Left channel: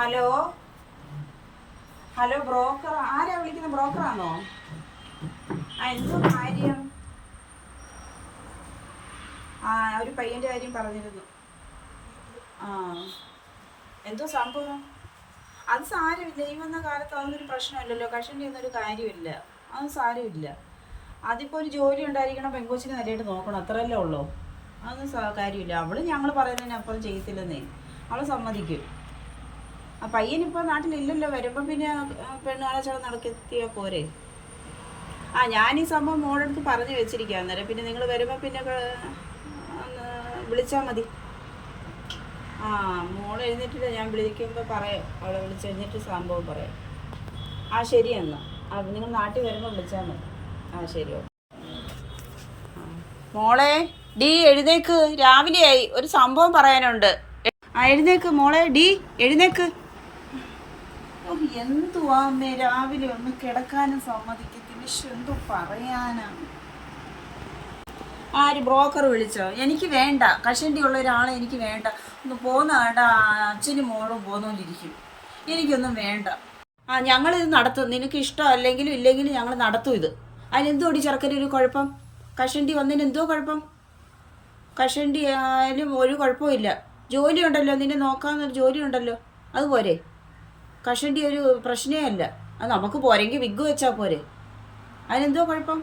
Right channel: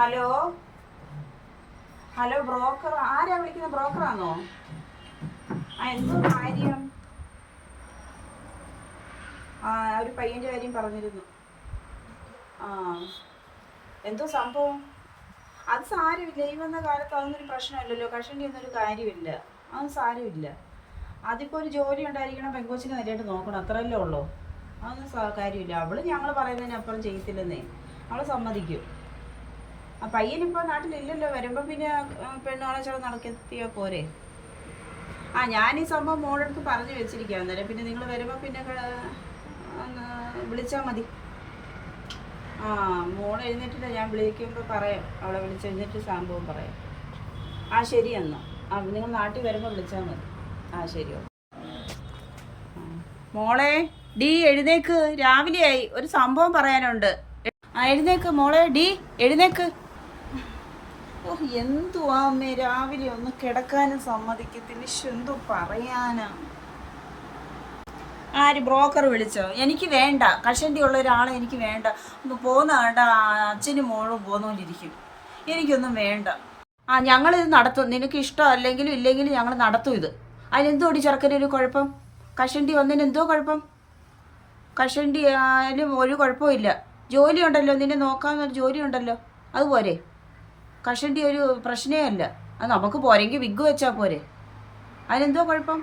Hello hello broker ആരാ വിളിക്കുന്ന? ബ്രോക്കറാണോ? എന്തോ കാര്യം? ഒരു പയ്യൻ്റെ കാര്യം പറഞ്ഞിരുന്നു. ആ എന്തോ സംഭവം? അത് സാരമില്ല, ഈ വന്ന കാലത്ത് അതൊന്നൊരു പ്രശ്നമല്ലല്ലോ. കഷണ്ടി ഒന്നൊരു കാര്യമില്ല, അതൊന്നും സാരമില്ല. അതിപ്പോൾ ഒരു ജോലി ഉണ്ടായിരിക്കണം, പെങ്കൊച്ചിനെ നല്ലതായിട്ട് നോക്കണം, അത്രയല്ലേ ഉള്ളൂ. അതൊന്നും കാര്യമില്ല. അവള് ഞങ്ങൾ പറയുന്നതിനപ്പുറം ചെയ്യത്തില്ലെന്നേ, അവൾ സമ്മതിക്കും. ആ പയ്യനിപ്പോൾ നാട്ടിലില്ലല്ലോ, വരുമ്പോൾ പിന്നെ പെണ്ണുകാണെ ചട നടക്കെത്തിയാൽ പോരെ. ഞാനീ സംഭവം മോളെടുത്ത് പറഞ്ഞു വെച്ചിരിക്കുക. അന്നേരം പിന്നെ നിങ്ങൾ വരുമ്പോൾ പിന്നെ ഒന്ന് വിളിച്ചാൽ മതി. മോൾ എഴുന്നേറ്റില്ല, ഞാൻ വിളിക്കുമ്പോൾ പറയാം, അവളെ വിളിച്ച് എഴുന്നേറ്റ് സംഭവം പറയാം. ശരി എന്നാൽ നിങ്ങൾ നാട്ടിൽ വരുമ്പോൾ വിളിച്ചാൽ മതി. ശരി. മോളെ ഡി എഴുന്നേക്ക്, രാവിലെയായി, ഒരു സംഭവം പറയാനുണ്ട്. എഴുന്നേക്ക് മോളെ, ഡി എഴുന്നേക്ക്. എന്തുവാ അമ്മേ, രാവിലെ ഒന്ന് കിടക്കാനും സമ്മതിക്കത്തില്ല. എന്തോ പറയാനാ. ആര് ബ്രോക്കർ വിളിച്ചോ? എനിക്ക് വേണ്ട, കഷണ്ടി ഉള്ള ഒരാളെ എനിക്ക് വേണ്ട. ഒന്ന് പോന്ന വേണ്ട, അച്ഛനും മോളും പോന്നോണ്ടിരിക്കും. എനിക്കൊന്നും വേണ്ട. ഞങ്ങളിത് നടത്തും. നിനക്ക് ഇഷ്ടം അല്ലെങ്കിലും ഇല്ലെങ്കിലും ഞങ്ങൾ നടത്തും ഇത്. അതിനെന്തോടി ചെറുക്കനൊരു കുഴപ്പം? കഷണ്ടി വന്നതിന് എന്തോ കുഴപ്പം? കഷണ്ടി ആയാലും ഒരു കുഴപ്പമില്ല. ജോലി ഉണ്ടല്ലോ, നിന്നെ നോക്കാമെന്നൊരു ജോലി ഉണ്ടല്ലോ, അതുപോരെ. കഷണ്ടി ഒരു പ്രശ്നമേ അല്ല. അത് നമുക്ക് പോരെങ്കിൽ വിഗ് വെച്ചാൽ പോരെ. അതിനെന്തോ കുഴപ്പം?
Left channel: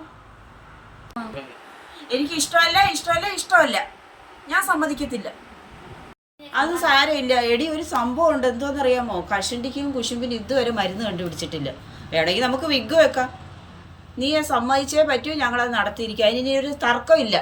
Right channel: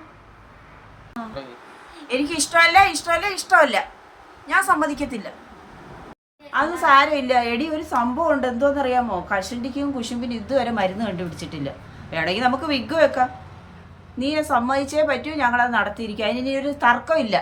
എനിക്ക് ഇഷ്ടമല്ല, ഞാൻ സമ്മതിക്കത്തില്ല. അത് സാരമില്ല എടി, ഒരു സംഭവം ഉണ്ട്. എന്തോന്നറിയാമോ? കഷണ്ടിക്കും കുശുമ്പിനും ഇതുവരെ മരുന്ന് കണ്ടുപിടിച്ചിട്ടില്ല. വേണമെങ്കിൽ നമുക്ക് വിഗ് വെക്കാം. നീ സമ്മതിച്ചേ പറ്റൂ, ഞങ്ങളത് നടത്തിയിരിക്കുക. അതിന് ഒരു തർക്കമില്ല.